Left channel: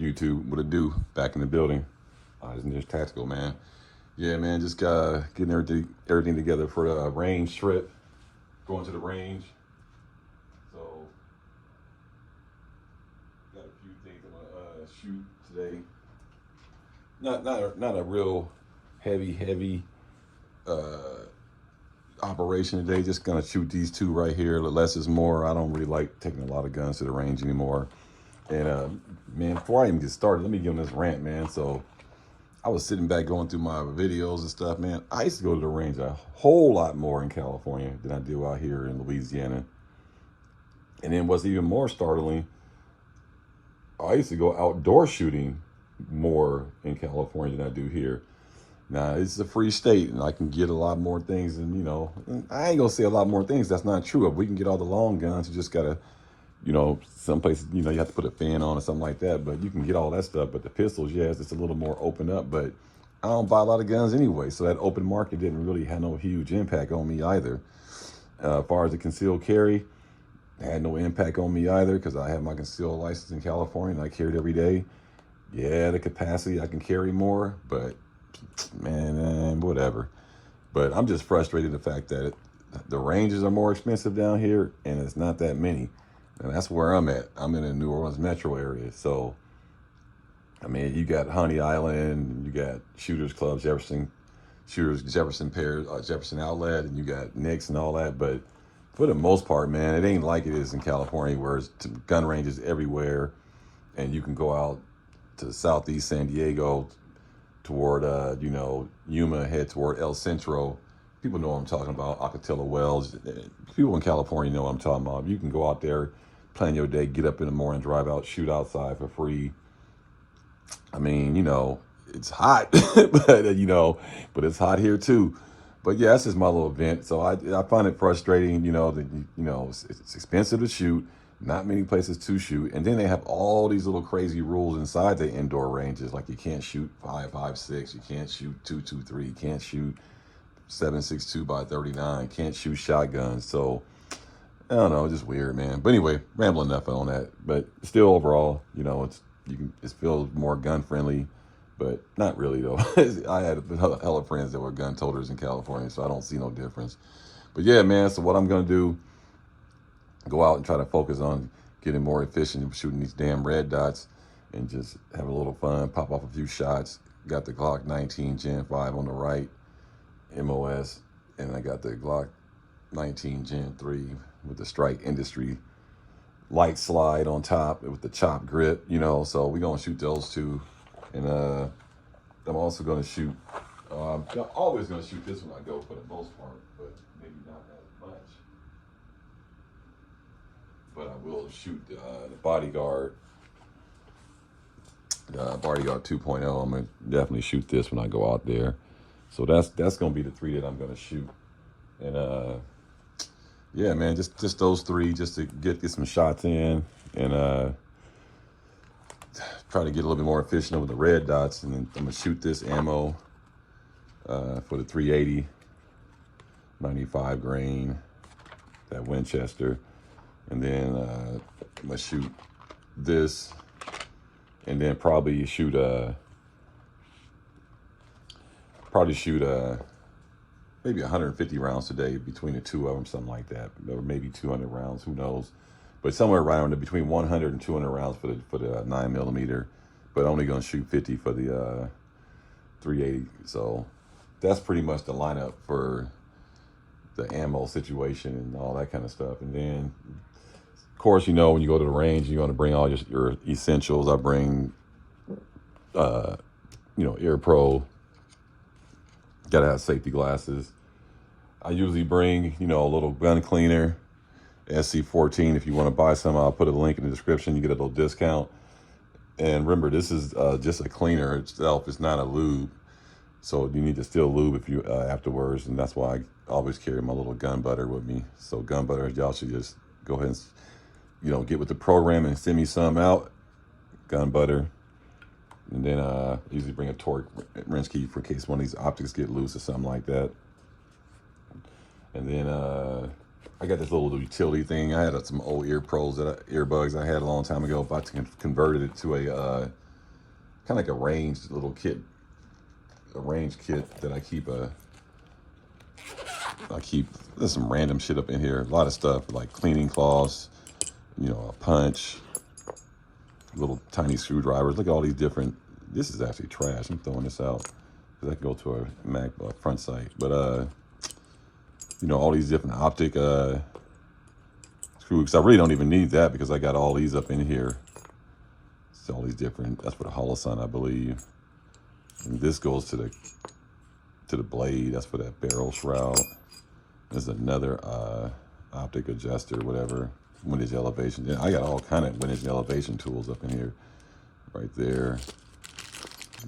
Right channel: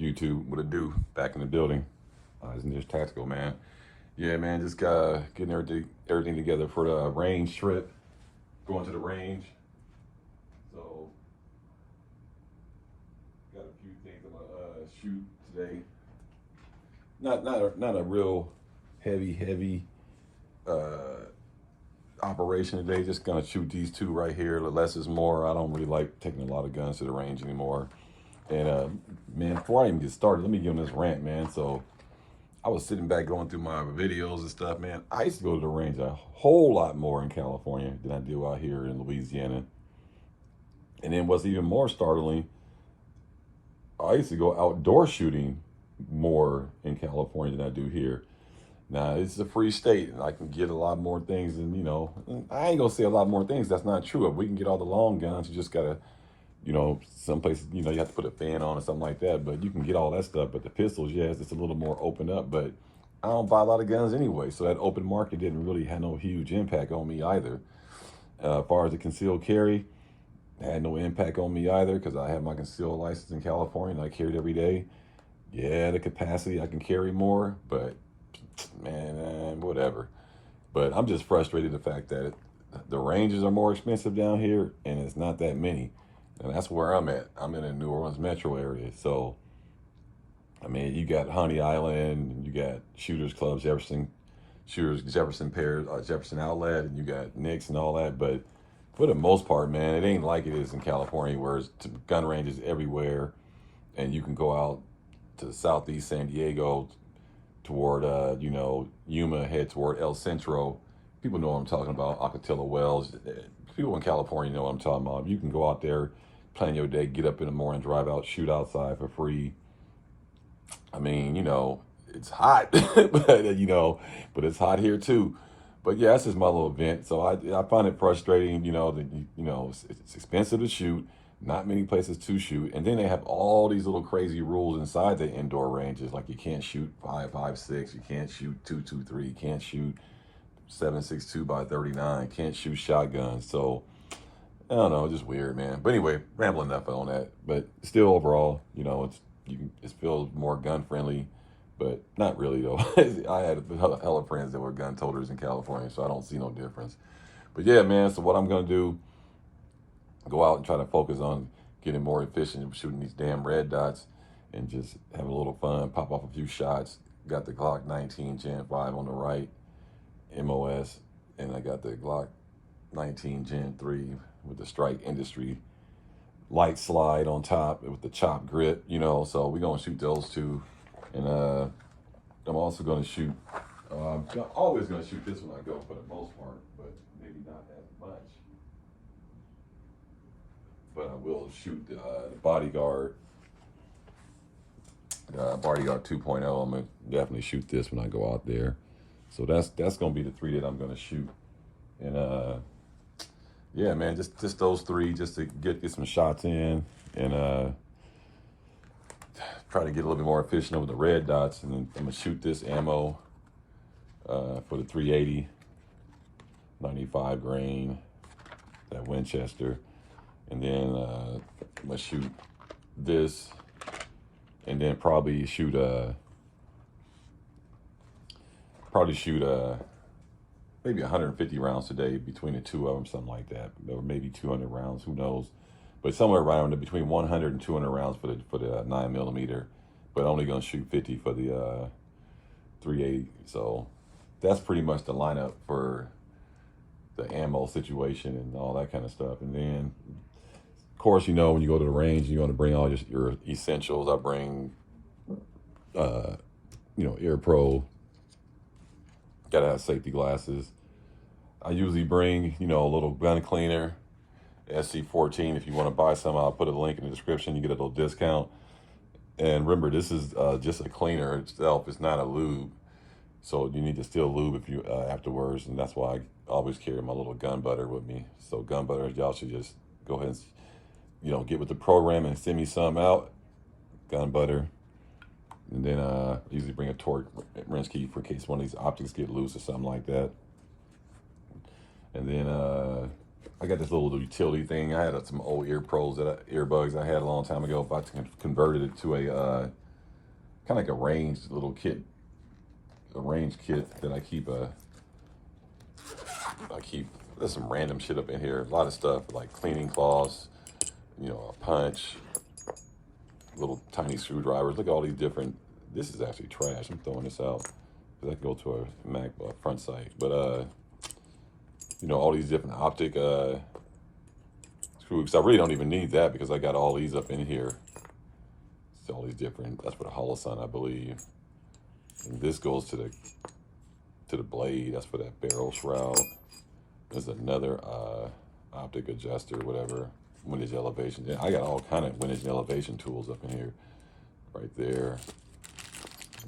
YouTube, what it do? Back in the building. Isn't this tactical, man? Yeah, man, just getting everything together for the range trip. Going to the range. So, got a few things I'm gonna shoot today. Not a real heavy operation today. Just gonna shoot these two right here. The less is more. I don't really like taking a lot of guns to the range anymore. And man, before I even get started, let me give them this rant, man. So I was sitting back going through my videos and stuff, man. I used to go to the range a whole lot more in California than I do out here in Louisiana. And then what's even more startling, I used to go outdoor shooting more in California than I do here. Now, it's a free state, and I can get a lot more things, and, you know, I ain't gonna say a lot more things. That's not true. If we can get all the long guns, you just gotta, you know, some places, you know, you have to put a fan on or something like that, but you can get all that stuff. But the pistols, yes, it's a little more open up, but I don't buy a lot of guns anyway, so that open market didn't really have no huge impact on me either. As far as the concealed carry, had no impact on me either, because I have my concealed license in California, and I carry it every day. Yeah, the capacity, I can carry more, but man, whatever. But I'm just frustrated the fact that the ranges are more expensive down here, and it's not that many. And that's where I'm at. I'm in the New Orleans metro area. So, I mean, you got Honey Island, you got Shooters Club, Jefferson Pair, Jefferson Outlet, and you got Nick's and all that. But for the most part, man, it ain't like it is in California, where it's gun ranges everywhere, and you can go out to southeast San Diego, toward you know, Yuma, head toward El Centro. People know what I'm talking about. Ocatella Wells. People in California know what I'm talking about. You can go out there, plan your day, get up in the morning, drive out, shoot outside for free. I mean, you know, it's hot, but you know, but it's hot here too. But yeah, that's just my little event. So I find it frustrating, you know, that you know, it's expensive to shoot. Not many places to shoot, and then they have all these little crazy rules inside the indoor ranges, like you can't shoot 5.56, you can't shoot 2.23, you can't shoot 7.62 by 39, can't shoot shotguns. So I don't know, just weird, man. But anyway, rambling enough on that. But still, overall, you know, it feels more gun friendly, but not really though. I had a hell of friends that were gun toters in California, so I don't see no difference. But yeah, man. So what I'm gonna do, go out and try to focus on getting more efficient, shooting these damn red dots, and just have a little fun, pop off a few shots. Got the Glock 19 Gen 5 on the right, MOS, and I got the Glock 19 Gen 3 with the Strike Industry light slide on top with the chop grip, you know. So we're gonna shoot those two, and I'm also gonna shoot, I'm always gonna shoot this when I go for the most part, but maybe not as much. But I will shoot the Bodyguard 2.0. I'm gonna definitely shoot this when I go out there. So that's gonna be the three that I'm gonna shoot. And yeah, man, just those three, just to get some shots in, and try to get a little bit more efficient with the red dots. And then I'm gonna shoot this ammo for the 380, 95 grain, that Winchester. And then I'm gonna shoot this, and then probably shoot maybe 150 rounds today between the two of them, something like that, or maybe 200 rounds, who knows? But somewhere right on between 100 and 200 rounds for the 9mm, but only gonna shoot 50 for the 380. So that's pretty much the lineup for the ammo situation and all that kind of stuff. And then, of course, you know, when you go to the range, you're going to bring all your essentials. I bring, you know, Ear Pro. Got to have safety glasses. I usually bring, you know, a little gun cleaner, SC14. If you want to buy some, I'll put a link in the description. You get a little discount. And remember, this is just a cleaner itself. It's not a lube. So you need to still lube if you afterwards. And that's why I always carry my little gun butter with me. So gun butter, y'all should just go ahead and, you know, get with the program and send me some out. Gun butter. And then usually bring a torque wrench key for case one of these optics get loose or something like that. And then I got this little utility thing. I had some old earbuds I had a long time ago. If I converted it to kind of like a ranged little kit, a range kit that I keep there's some random shit up in here. A lot of stuff like cleaning cloths, you know, a punch, little tiny screwdrivers. Look at all these different. This is actually trash. I'm throwing this out because I can go to a MacBook front sight. But you know, all these different optic screws. Because I really don't even need that because I got all these up in here. So all these different. That's for the Holosun, I believe. And this goes to the blade. That's for that barrel shroud. There's another optic adjuster, whatever. Windage elevation. Yeah, I got all kind of windage elevation tools up in here, right there.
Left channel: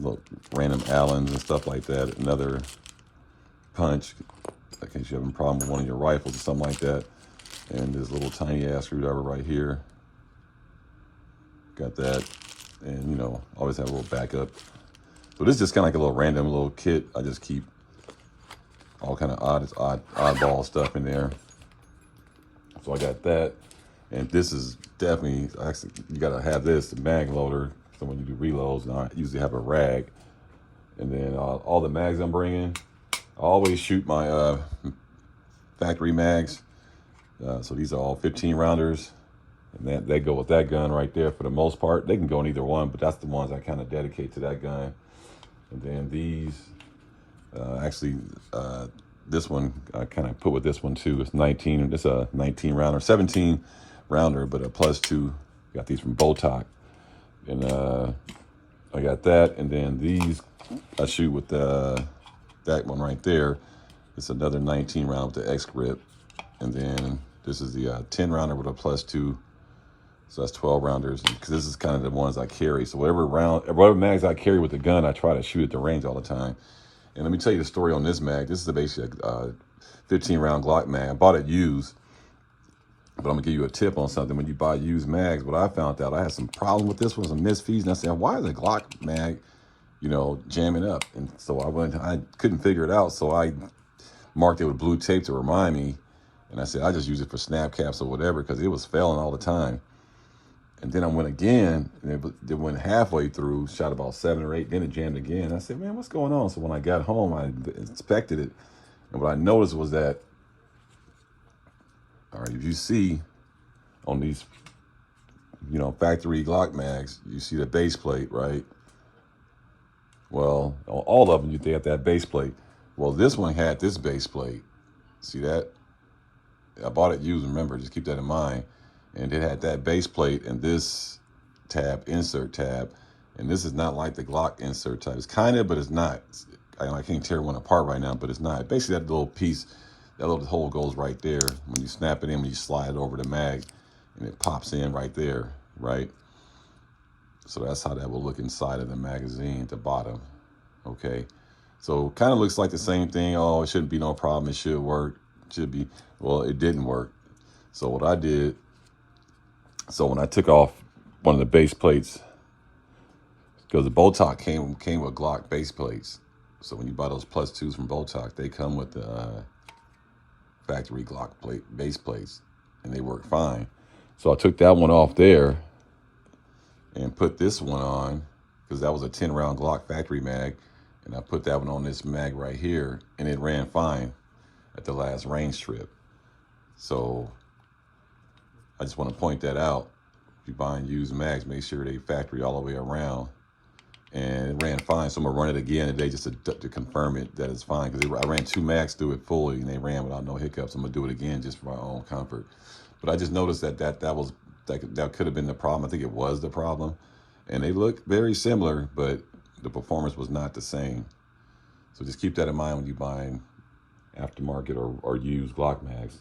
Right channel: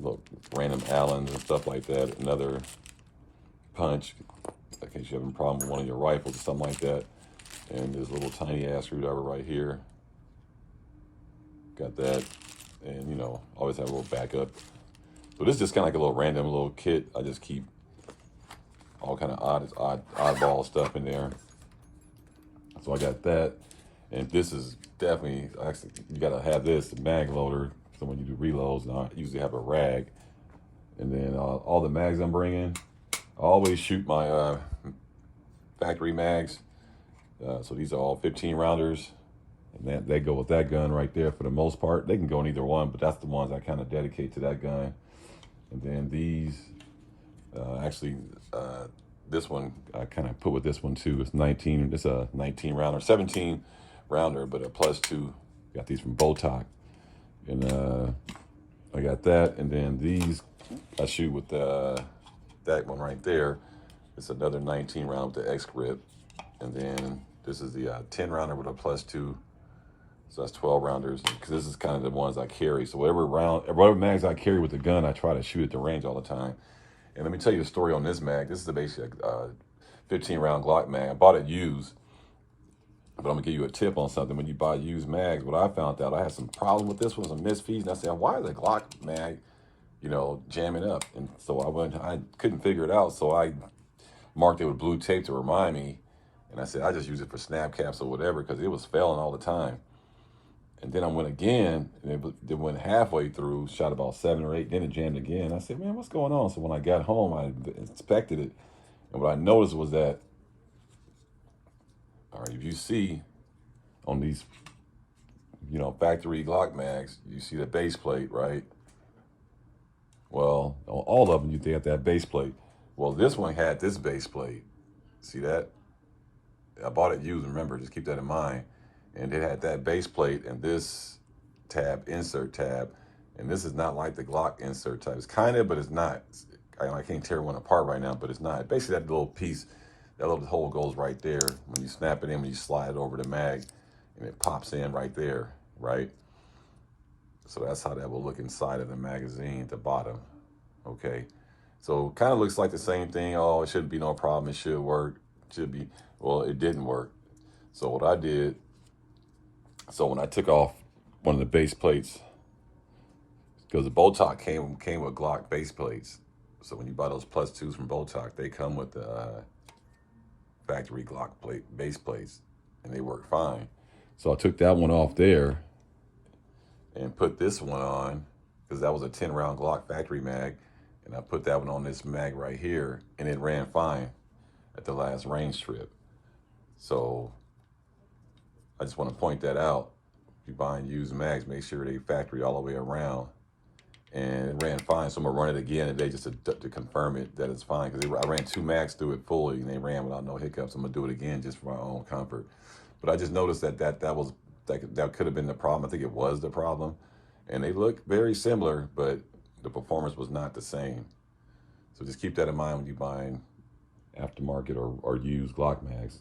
Look, random Allens and stuff like that. Another punch, in case you have a problem with one of your rifles or something like that. And this little tiny ass screwdriver right here. Got that, and you know, always have a little backup. So this is just kind of like a little random little kit. I just keep all kind of oddball stuff in there. So I got that. And this is definitely, actually, you gotta have this, the mag loader. So when you do reloads, and I usually have a rag. And then all the mags I'm bringing, I always shoot my factory mags. So these are all 15 rounders. And they go with that gun right there for the most part. They can go in either one, but that's the ones I kind of dedicate to that gun. And then these, this one I kind of put with this one too. It's 19, it's a 19 rounder, 17 rounder, but a +2. Got these from Botoc. And I got that. And then these I shoot with that one right there. It's another 19 round with the X grip. And then this is the 10 rounder with a +2. So that's 12 rounders, because this is kind of the ones I carry. So whatever mags I carry with the gun, I try to shoot at the range all the time. And let me tell you the story on this mag. This is basically a 15 round Glock mag. I bought it used, but I'm gonna give you a tip on something. When you buy used mags, what I found out, I had some problem with this one, some misfeeds, and I said, why is the Glock mag, you know, jamming up? And so I couldn't figure it out, so I marked it with blue tape to remind me. And I said, I just use it for snap caps or whatever, because it was failing all the time. And then I went again, and it went halfway through, shot about 7 or 8, then it jammed again. I said, man, what's going on? So when I got home, I inspected it, and what I noticed was that, all right, if you see on these, you know, factory Glock mags, you see the base plate, right? Well, on all of them, they have that base plate. Well, this one had this base plate. See that? I bought it used, remember, just keep that in mind. And it had that base plate and this tab, insert tab. And this is not like the Glock insert tab. It's kind of, but it's not. I can't tear one apart right now, but it's not. Basically, that little piece, that little hole goes right there. When you snap it in, when you slide it over the mag, and it pops in right there, right? So that's how that will look inside of the magazine at the bottom, okay? So kind of looks like the same thing. Oh, it shouldn't be no problem. It should work. It should be. Well, it didn't work. So what I did, so when I took off one of the base plates, because the Botoc came with Glock base plates. So when you buy those +2s from Botoc, they come with the factory Glock base plates, and they work fine. So I took that one off there and put this one on, because that was a 10 round Glock factory mag, and I put that one on this mag right here, and it ran fine at the last range trip. So I just want to point that out. If you're buying used mags, make sure they factory all the way around. And it ran fine, so I'm gonna run it again today just to confirm it that it's fine. Because I ran 2 mags through it fully, and they ran without no hiccups. I'm gonna do it again just for my own comfort. But I just noticed that could have been the problem. I think it was the problem, and they look very similar, but the performance was not the same. So just keep that in mind when you're buying aftermarket or used Glock mags.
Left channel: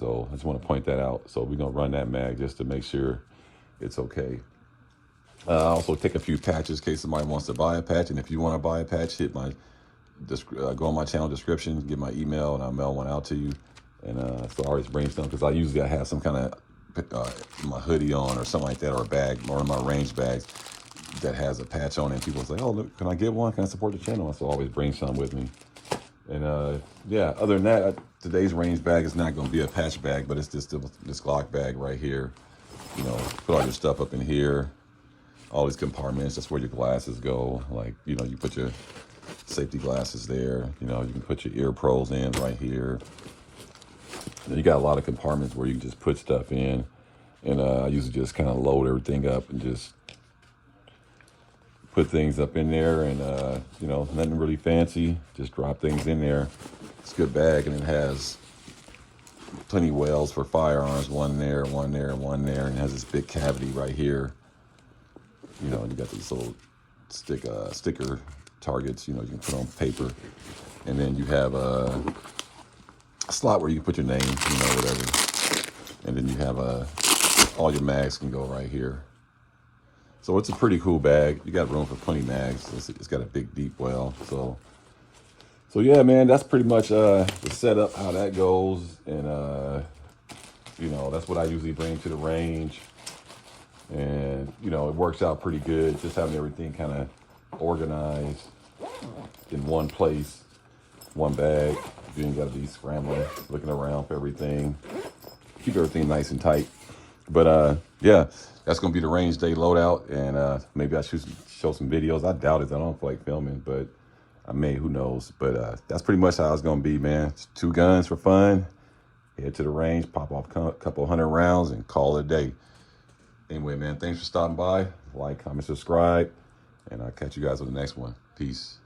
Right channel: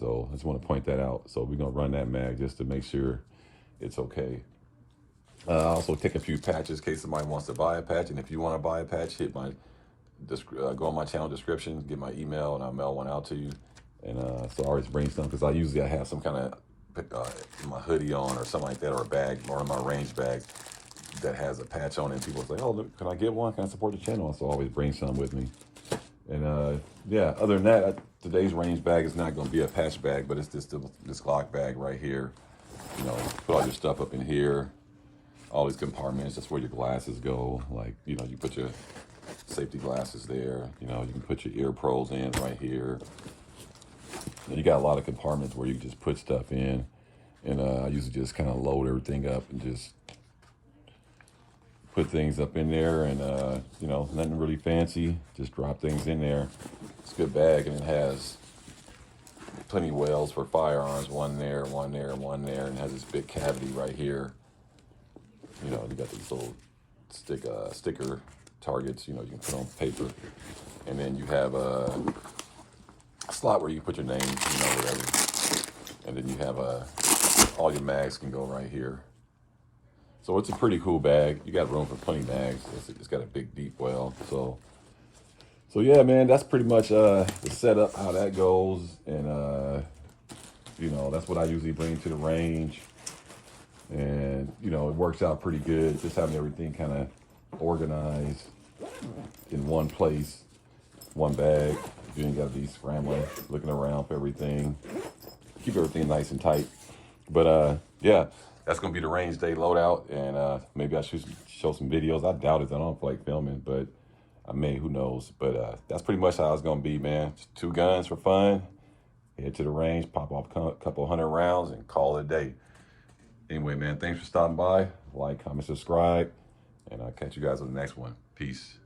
So I just want to point that out. So we're gonna run that mag just to make sure it's okay. I also take a few patches in case somebody wants to buy a patch. And if you want to buy a patch, go on my channel description, get my email, and I'll mail one out to you. And so I always bring some, because I have some kind of my hoodie on or something like that, or a bag, one of my range bags that has a patch on it. And people say, oh, look, can I get one? Can I support the channel? So I always bring some with me. And yeah, other than that, today's range bag is not going to be a patch bag, but it's just this Glock bag right here. You know, put all your stuff up in here. all these compartments. That's where your glasses go. Like, you know, you put your safety glasses there. You know, you can put your ear pros in right here. You got a lot of compartments where you can just put stuff in. And I usually just kind of load everything up and just put things up in there. And, you know, nothing really fancy. Just drop things in there. It's a good bag, and it has plenty wells for firearms. One there, one there, one there. And it has this big cavity right here. You know, you got these little sticker targets, you know, you can put on paper. And then you have a slot where you put your name, you know, whatever. And then you have all your mags can go right here. So it's a pretty cool bag. You got room for plenty of mags. It's got a big deep well. So yeah, man, that's pretty much the setup, how that goes. And you know, that's what I usually bring to the range. And you know, it works out pretty good, just having everything kind of organized in one place, one bag. You ain't got to be scrambling, looking around for everything. Keep everything nice and tight. But yeah, that's gonna be the range day loadout, and maybe I should show some videos. I doubt it. I don't feel like filming, but I may. Who knows? But that's pretty much how it's gonna be, man. Just 2 guns for fun. Head to the range, pop off a couple 100 rounds, and call it a day. Anyway, man, thanks for stopping by. Like, comment, subscribe, and I'll catch you guys on the next one. Peace.